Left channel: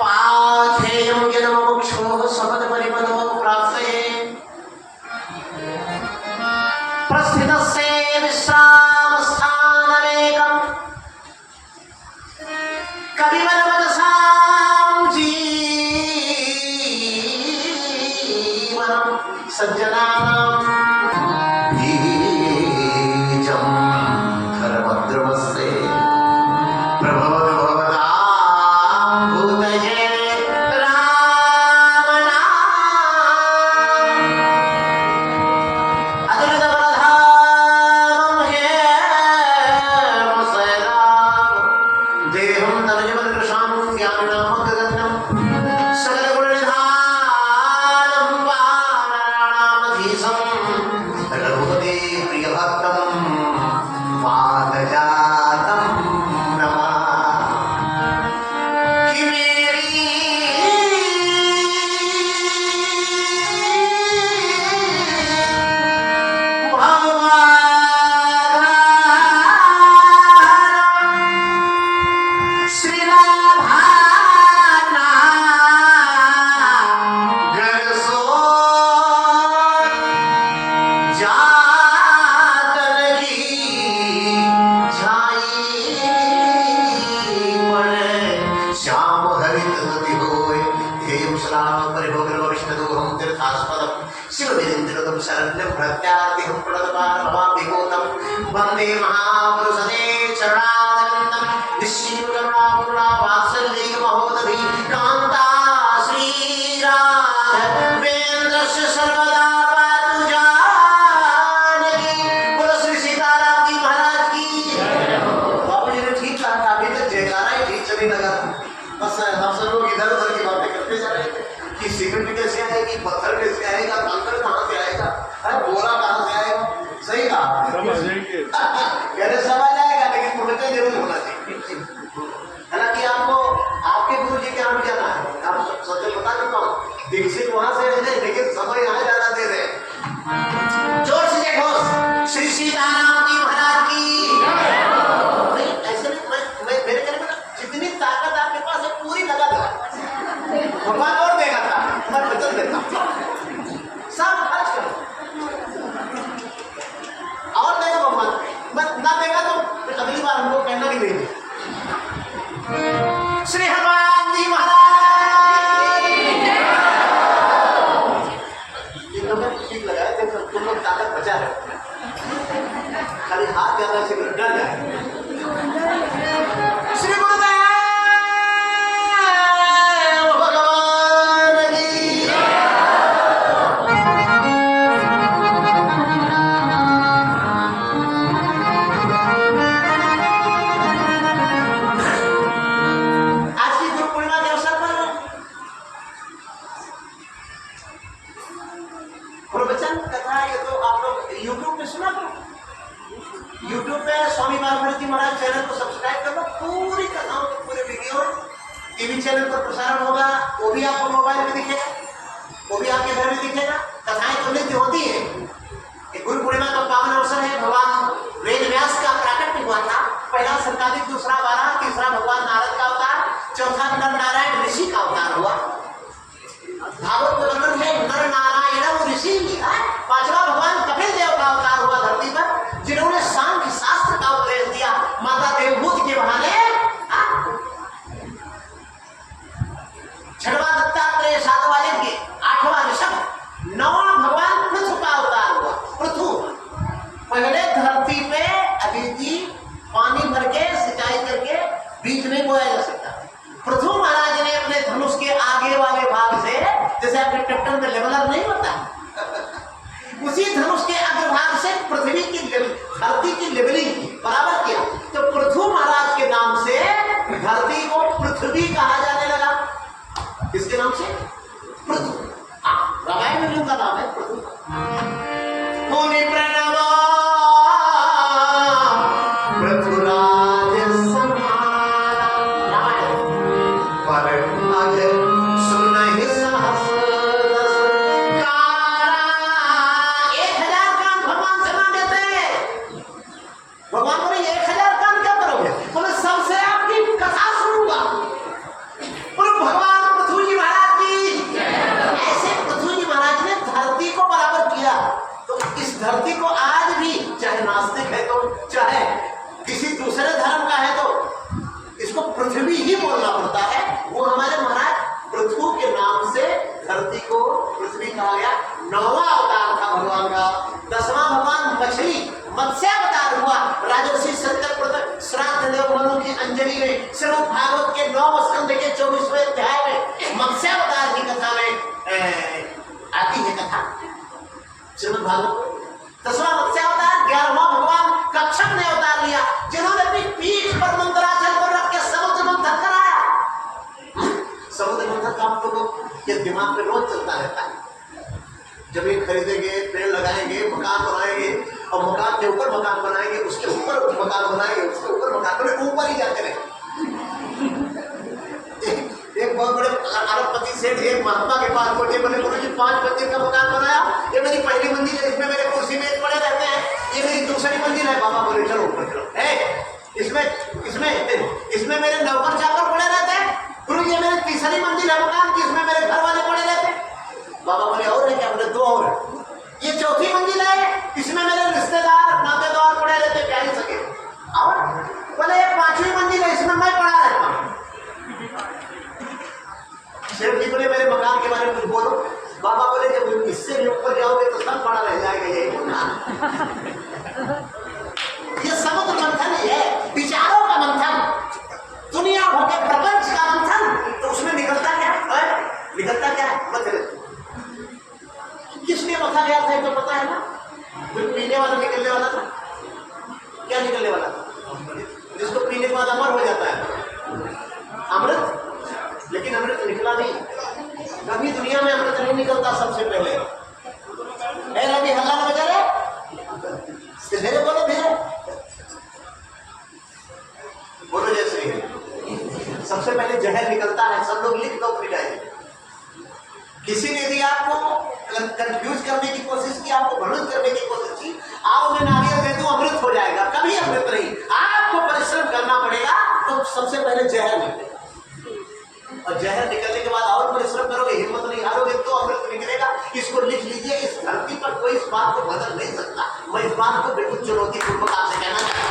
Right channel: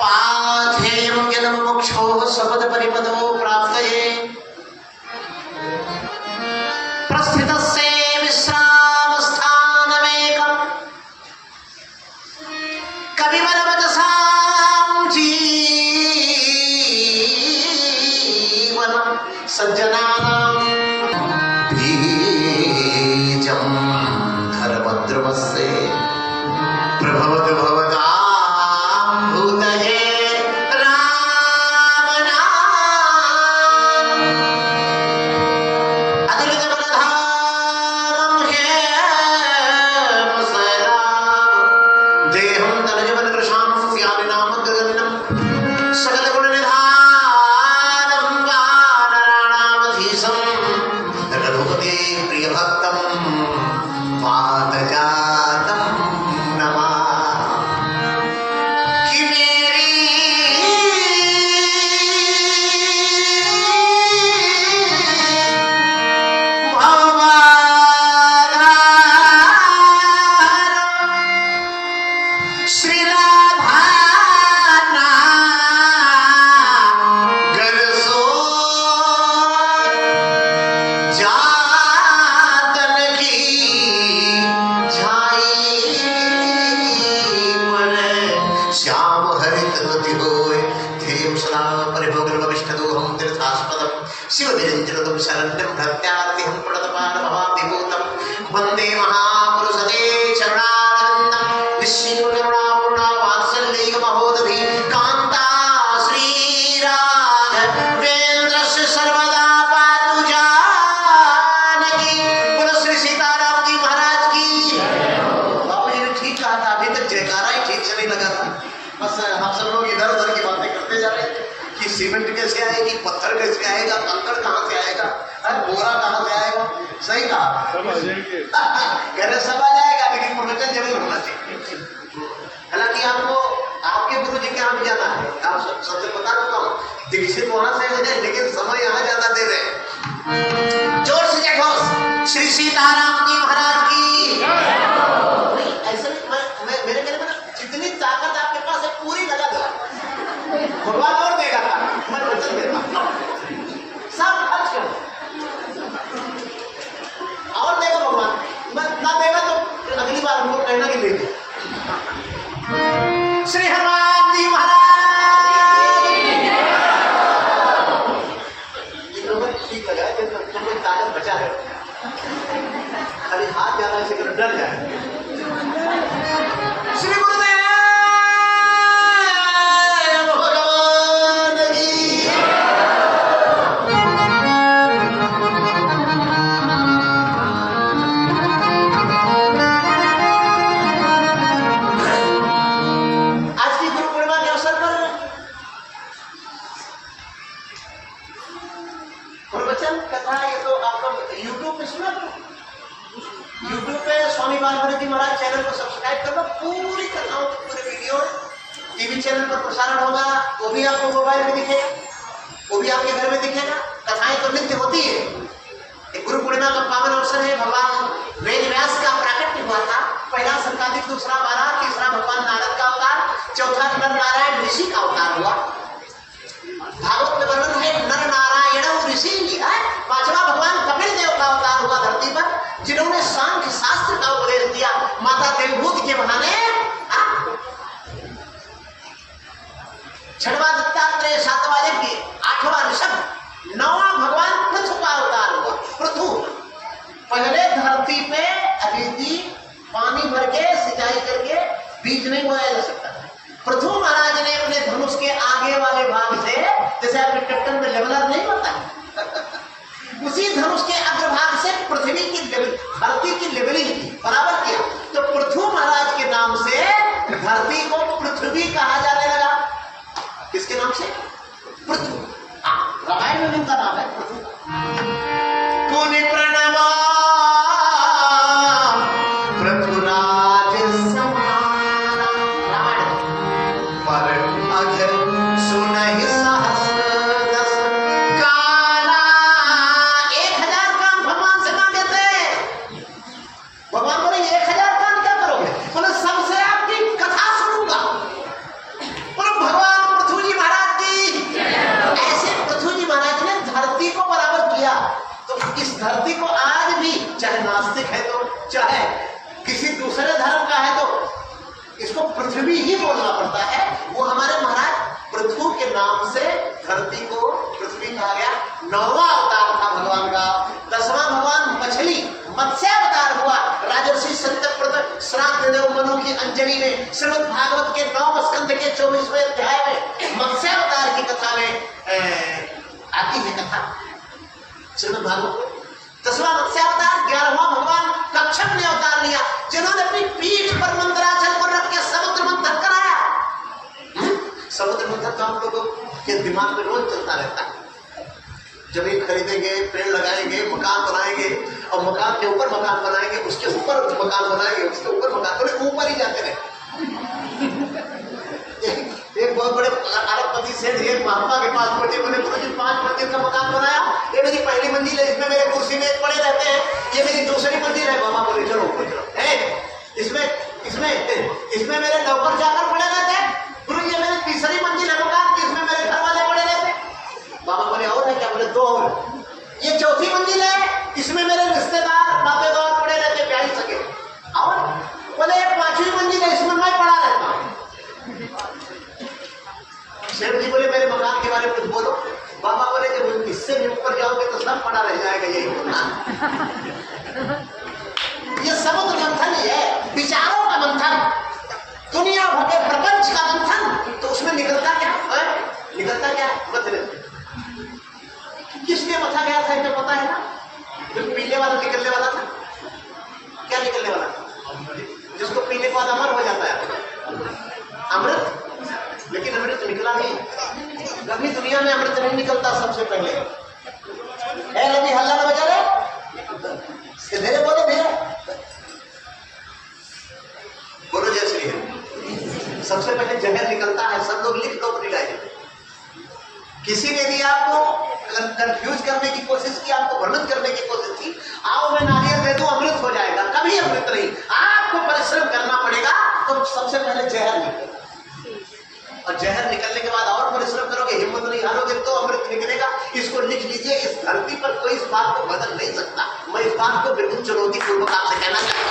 पाथेयं जन्ममुक्षोः सपदपरिपदो प्राप्तये प्रस्थितस्य विश्रामस्थानमेकम् कविवरवदसां जीवनं सज्जनानां बीजं धर्मद्रुमस्य प्रभवतु भवतां भूतये वंदे महापुरुषते चरणानंदं निश्चिन्नु करुणापूर्णा वात्सल्य महोदधि कांता श्रीराघवेन्द्रस्य सर्वदा पातु जानकी। बोलो श्री सीताराम जी महाराज की। बाबू जी ने ठीक कहा था, अभी तक जयकारा ही ठीक से नहीं लगा था। बस हम सब लोग इधर उधर की बातें करते जा रहे थे कि सीमेंट कैसे आएगी, पत्थर कैसे आएगा, कंकड़ कहाँ से आएगा, बोरा कहाँ से आएगा। सही कहा, कहने सब आ जाएगा लेकिन प्रवचन जरूर होना चाहिए। हालांकि आपको आपके गुरु जी के यहाँ भी जाना है, आप सबसे बता देता हूँ, दीक्षित वहां से है लेकिन समय यहाँ ज्यादा दे रहे। जोर से देखो श्री सीताराम जी महाराज की। नहीं ऐसे मेरे कहने में जितनी ताकत आपके पास है पूरी लगा दो, भगवान और देगा था, मैं वचन देता सब खर्च करो और देगा भगवान, बस ना देगा तो अगली बार हमको कहना नहीं देंगे। श्री हनुमान जी महाराज ठीक लगा जब तुम लोग ताकत बचा है, खाली हाथ जाना से डर जाए। श्री गुरुदेव भगवान की। YouTube पे स्वामी बालभारती जी महाराज चैनल को सब्सक्राइब कर लो, पूरी कथाओं के पूरे वीडियो टीवी चैनल पर प्रसारण होगा, वो भी आपको मोबाइल में दिखेगा, वो भी आपके घर में दिखेगा। कथाएं तो नित्य होती है। गुरु पूर्णिमा का पावन अवसर है, भगवान वेद व्यास का प्राकट्य हुआ था, पहला संकादिक, दूसरा वाराह, तीसरा भगवान नारद का अवतार, चौथा नर नारायण ऋषि का अवतार हुआ। भागवत में वर्णन है नर नारायण ऋषि, पांचवा भगवान कपिल देव का अवतार हुआ धरती पर, जिन्होंने सांख्य शास्त्र का उपदेश दिया माता देवभूति के बहाने। छठवां दत्तात्रेय, सातवां यज्ञ, आठवां ऋषभ, नौवां भगवान पृथु का अवतार हुआ। पृथु पहले धरती पे अदिति पानी भर के सिंचाई करके बीज नहीं बोया जा सकता। पृथु महाराज ने अपने धनुष के आगे वाले भाग से, जैसे आपके ट्रैक्टर में लेवलर नहीं होता है, उसी धनुष के अग्रभाग से पृथ्वी की धरती की लेवलिंग बराबर किया, तो पृथु महाराज के नाम से धरती को पृथ्वी कहा जाने लगा। किसके नाम से? पृथु। रामायण में उनका नाम है पृथु। पुनि प्रणव पृथुराज समान, रामायण पर अघ सुनहि सहस दस काला। 1000 कान भगवान से मांगे थे। भगवान बोले 1000 कान क्या करोगे? बोले सबसे आपकी कथा सुनूंगा। बोले भगवान चाहे नास्तिक है तो, चाहे किसी दूसरे धर्म का है तो इसको पृथ्वी ही बोलना पड़ता है। वो हमारे महाराज पृथ्वी के नाम से धरती को पृथ्वी कहा गया। 9वां अवतार था भगवान का। 10वां भगवान मछली मत्स्य अवतार हुआ। राजर्षि सत्यव्रत श्राद्ध देव मनु की अंजलि में श्रीमद् भागवत के 9वें स्कंद के 24वें अध्याय में मत्स्य अवतार की कथा में आती है कथा श्रीमद् भागवत। 10वां मत्स्य अवतार। 11वां भगवान कच्छप ने अवतार लिया, जिन्होंने अपनी पीठ पर मंदराचल को रख के समुद्र मंथन कराया। समुद्र मंथन तो हम लोगों के दिमाग में रोज चलता रहता है। जमीन खरीदेंगे, पेड़ लगाएंगे, मकान बनाएंगे और मकान के ऊपर मकान बनाएंगे, उसके ऊपर मकान बनाएंगे, उसके ऊपर मकान, बोले ऊपर ही जाते रहे। एक बहुत बड़े अरबपति सेठ एक महात्मा के पास पहुंचे, बोले गुरुजी 5 मंजिल का मकान बनाया, ये मेरी पहली मंजिल है, इसमें मेरे कुर्सी मेज पड़े रहते हैं, ये मेरी दूसरी मंजिल है। बाबा बोले चलो ऊपर चलो। इसमें मेरे नौकर जाकर पड़े रहते हैं। गुरु ये मेरी तीसरी मंजिल है मकान की, इसमें मेरे घर वाले पड़े रहते हैं। बाबा बोले और है क्या? बोले 2 और। ये 4थी मंजिल है, इसमें मेरे रिश्तेदार नातेदार पड़े रहते, ब्याह ही सके। और बोले ये 5वीं मंजिल है, इसमें मैं पड़ा रहता हूँ। सेठ जी बोले मेरे मकान के बारे में कुछ बोलो। बाबा बोले जब इससे भी ऊपर जाओगे तो सब पड़ा रह जाएगा यही मकान। ये समुद्र मंथन ही है, विचारों का मंथन, दुनिया भर के प्रपंच का मंथन। तो उसमें निकलता क्या है? निकलता क्या है? मतलब किस लिए मथा गया था तो पता है ना? जो पीने वाला निकलने वाला था, क्या निकलने वाला था? जिसको पीने के बाद अमर हो जाता है, अमृत। लेकिन अमृत निकला नहीं, कभी दुनिया में अमृत नहीं निकलता। सबसे पहले अभी हल्ला ना बजा रहे, धीरे बोलो, धीरे बोलो, जय श्री है। सबसे पहले जहर निकलता है। सब लोग लिख दो अपनी डायरी। किसी ने यदि आपको कंफ्यूज करने की कोशिश की, आपको भ्रमित करने की कोशिश की, आओ मैं नारियल दे दूं अमृत हो जाएगा, कभी अमृत नहीं। आपको परिश्रम करना पड़ेगा। तो सबसे पहले जहर निकलेगा, और जहर निकलने के बाद और परिश्रम करोगे, हिम्मत नहीं हारोगे तो अमृत निकलेगा। इसको लिख लीजिए। इस धरती पर कोई इस बात को बदल नहीं सकता। मैं इस बात को बिल्कुल चुनौती पूर्वक आपसे कहना चाहता हूँ।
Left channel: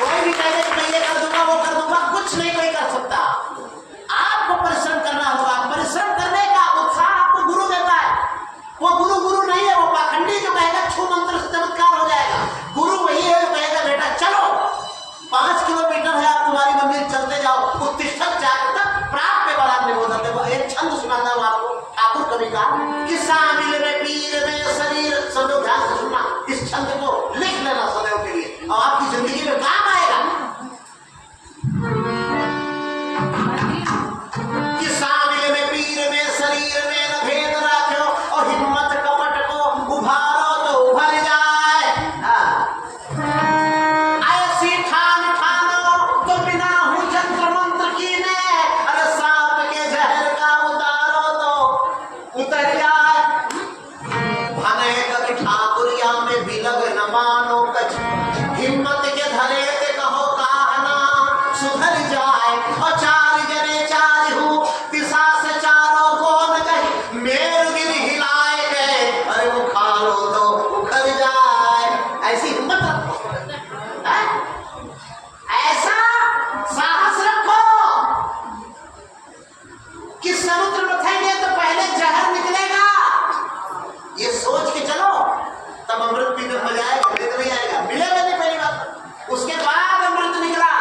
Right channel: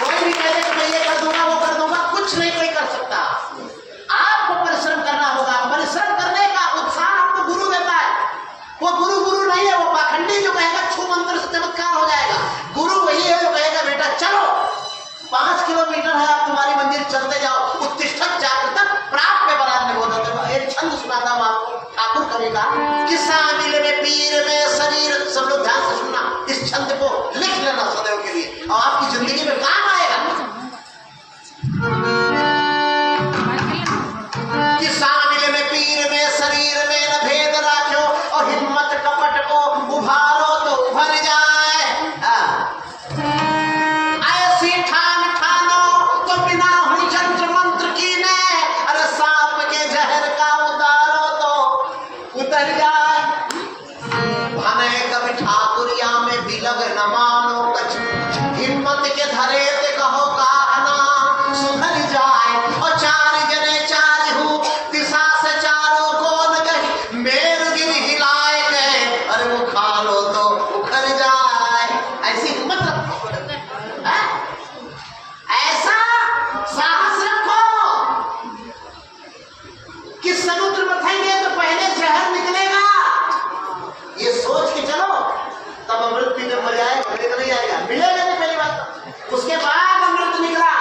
कोई भी कहते कि मैं ये कर दूंगा, वो कर दूंगा, कुछ नहीं कोई कर सकता। आपको परिश्रम करना होगा। परिश्रम करने का उत्साह आपको गुरु देता है। वो गुरु नहीं है, वो पाखंडी जो कहेगा छू मंत्र से चमत्कार हो जाएगा। गुरु वही है जो कहेगा बेटा चलो 5 किलोमीटर है, आप तुम्हारी मंजिल चलते जाओ। उत्तिष्ठत् जागृतः प्राप्य बलान् निबोधते। एक छंद सुनाता हूं आपको, ठाकुर कवि का। किस्सा मिले में पीर में शरीर, सब लोग ध्यान से सुनना। इस छंद को लिख लेना सदैव के लिए, और आपकी जिंदगी में काम आएगा। किस्सा मिले में पीर में शरीर में न भेद राख्यो, और हिम्मत कपट को उभारो तो उभर जाए। ऐसी ठान ठानो तो बिना हूं जंत्र मंत्र की ने, अरे सांप के जहर का उतारो तो उतर जाए। भने कभी ठाकुरिया में बिलग न मानो कछ, हिम्मत के धरे ते कहो कहना सुधर जाए। और 4 जने 4 हूँ, दिशा से चारों को न कही, मेर गिर हिलाए गए, अरे वो खा लो तो उखड़ जाए। ऐसी हिम्मत रखो, ऐसा साहस रखो कि समुद्र मथेंगे तो पहले जहर निकलेगा। ये सोच के चलो, तब अमृत पीने में मजा आएगा, नहीं आएगा, मिलेगा नहीं पहली बात। उसके बाद अमृत निकला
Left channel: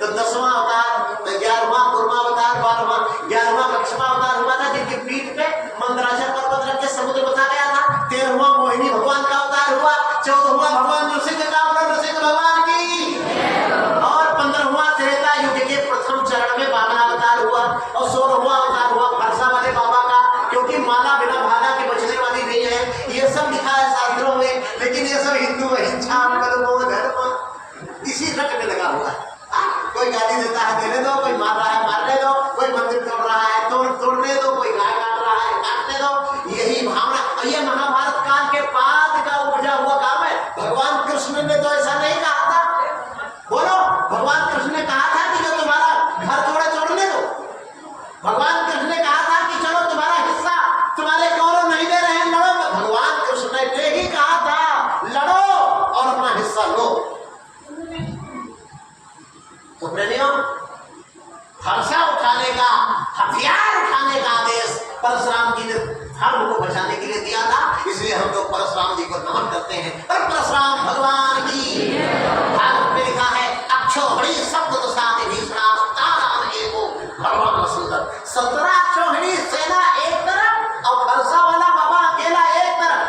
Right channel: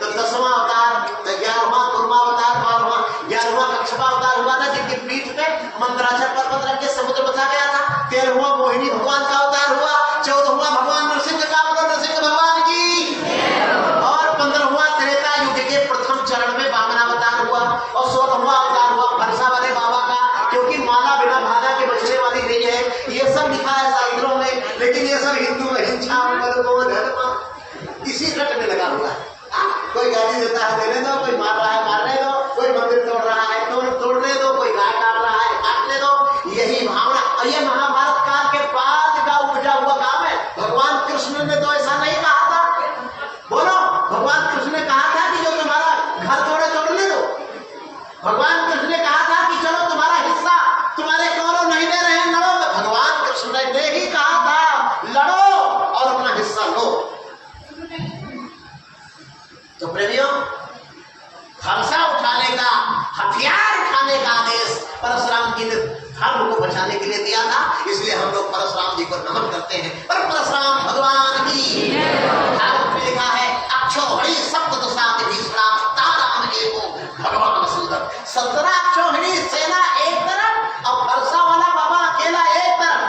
तो 10वां अवतार, 11वां कुर्मा अवतार, 12वां 11वां कच्छपा अवतार हुआ था, जिनकी पीठ पे मंदराचल पर्वत रख के समुद्र बसा गया था। 13वां मोहिनी भगवान का अवतार हुआ। 14वां भगवान नरसिंह का, नरसिंह भगवान की। और 15वां त्रेता युग के प्रथम चरण में वामनावतार हुआ। और 16वां अवतार हुआ भरसा वाले बाबा का, क्योंकि माला बिना भाला के बचने वाली नहीं है। ये सब लिखा है शास्त्रों में, लेकिन ये सब हिंदू अहिंसा इसी रट में लगा हुआ है। कोई गाली देता है देने दो, कोई मार रहा है मारने दो, कोई मंदिर तोड़ रहा है तोड़ने दो, कोई गाय काट रहा है काटने दो। यही भावना, और ये महाभारत काल के बाद का उपजा हुआ काम है। भगवान कृष्ण ने तो ऐसा नहीं कहा था। बोलो, भगवान कृष्ण ने कहा था कि जो तुम्हारा घर तोड़े तोड़ने दो। भगवान कृष्ण ने कहा था कि चलो तुम्हारा हिस्सा तुम्हारे कौरव नहीं दे रहे हैं, लड़ो। भगवान कृष्ण ने ही कहा था लड़ो और अपना हिस्सा लो। तो प्रेमियों, फरसा उठाने का, हथियार उठाने का आदेश परशुराम जी ने धर्म को बचाने के लिए दिया था। इसलिए हम लोग परशुराम जी को नमन करते हैं। पर परशुराम भगवान की धर्म में लिखा है, अक्षोहिणी सप्तदशाति भीषणा ताराम एको भगवान सुंदर। 17 अक्षोहिणी सेना एक तरफ और फरसा वाला बाबा अकेला एक तरफ।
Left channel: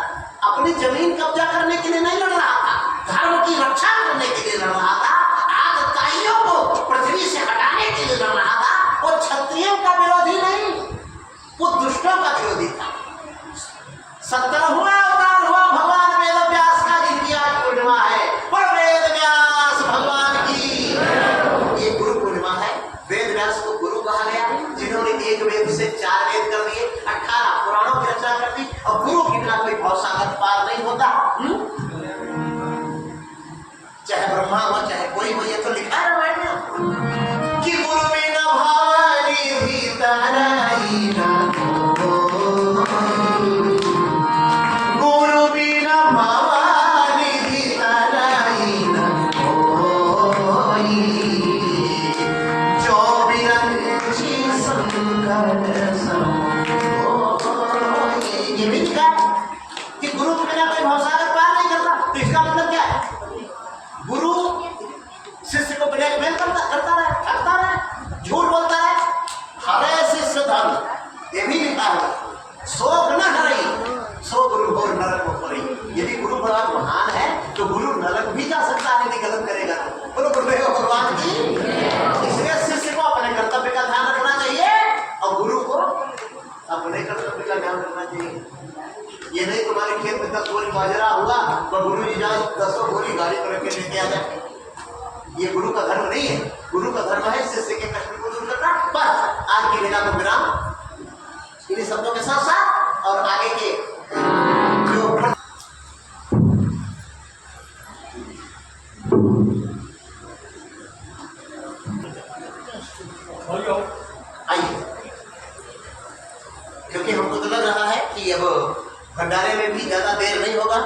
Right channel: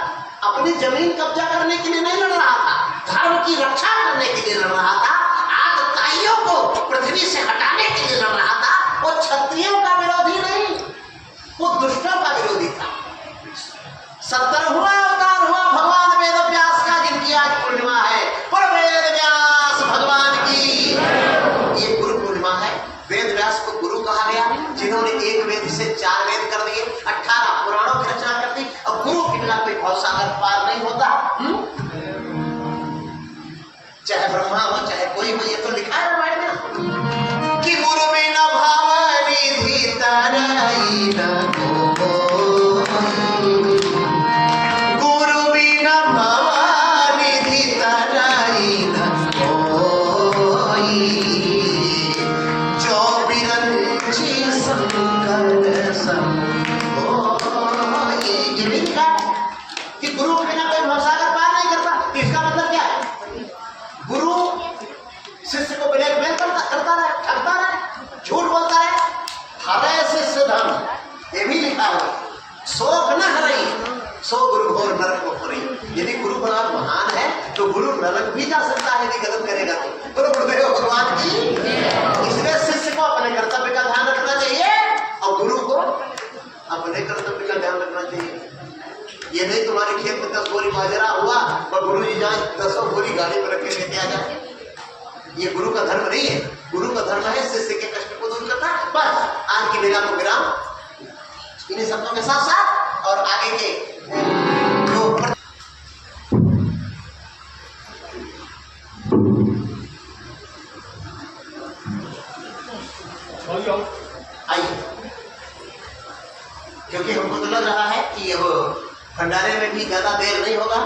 अपनी जमीन कब्जा करने के लिए नहीं लड़ रहा था, धर्म की रक्षा करने के लिए लड़ रहा था, आगताइयों को पृथ्वी से हटाने के लिए लड़ रहा था। वो क्षत्रियों का विरोधी नहीं, वो दुष्टों का विरोधी था। 17वां अवतार हुआ भगवान वेद व्यास का, जिनकी आज पूर्णिमा है। पर वेद व्यास भगवान की ये गुरु पूर्णिमा है। वेद व्यास को गुरु कहा गया, जिन्होंने एक वेद से 4 वेद कर दिए, 18 पुराणों की रचना कर दी। अब गुरु के बिना कोई भवसागर पार नहीं होता। चाहे ब्रह्मा हो चाहे कोई हो, ये तो लिखा है रामायण में कि गुरु बिना भावनिधि तराई न कोई, गुरु बिना भावनिधि तराई न कोई, जो बिरंची संकर सम कोई। ये भी लिखा है कि गुरु बिना कोई भवसागर पार नहीं करता। तो इसका मतलब क्या है? गुरु शिष्य को ब्लैकमेल करता रहे, ठगता रहे, झूठ बोलता रहे। हरे शिष्य धन, ये भी लिखा है, शोक न हरई सो गुरु घोर नरक को खोरई। यदि गुरु भगवान महान है तो गुरु नरक भी जा सकता है यदि गलत करेगा तो। बोलो गुरुदेव भगवान की। इसलिए शिष्य को अपने कर्तव्य का ध्यान रखना चाहिए और गुरु को अपने कर्तव्य का ध्यान रखना चाहिए। ये नहीं तुम्हारे खेत में 10 बोरी बाजरा हुआ तो गुरु जी जाए 10 बोरी गाड़ी में रख के लेके आ जाए। ये गुरु का धर्म नहीं है। गुरु का धर्म है शिष्य के कष्ट को दूर करना। बस आज की वेला को विराम इन्हीं शब्दों के साथ साथ और आगे के आइए, क्योंकि हमको तो लग रहा है कि अब भंडारे में भी ज्यादा देर नहीं होगा।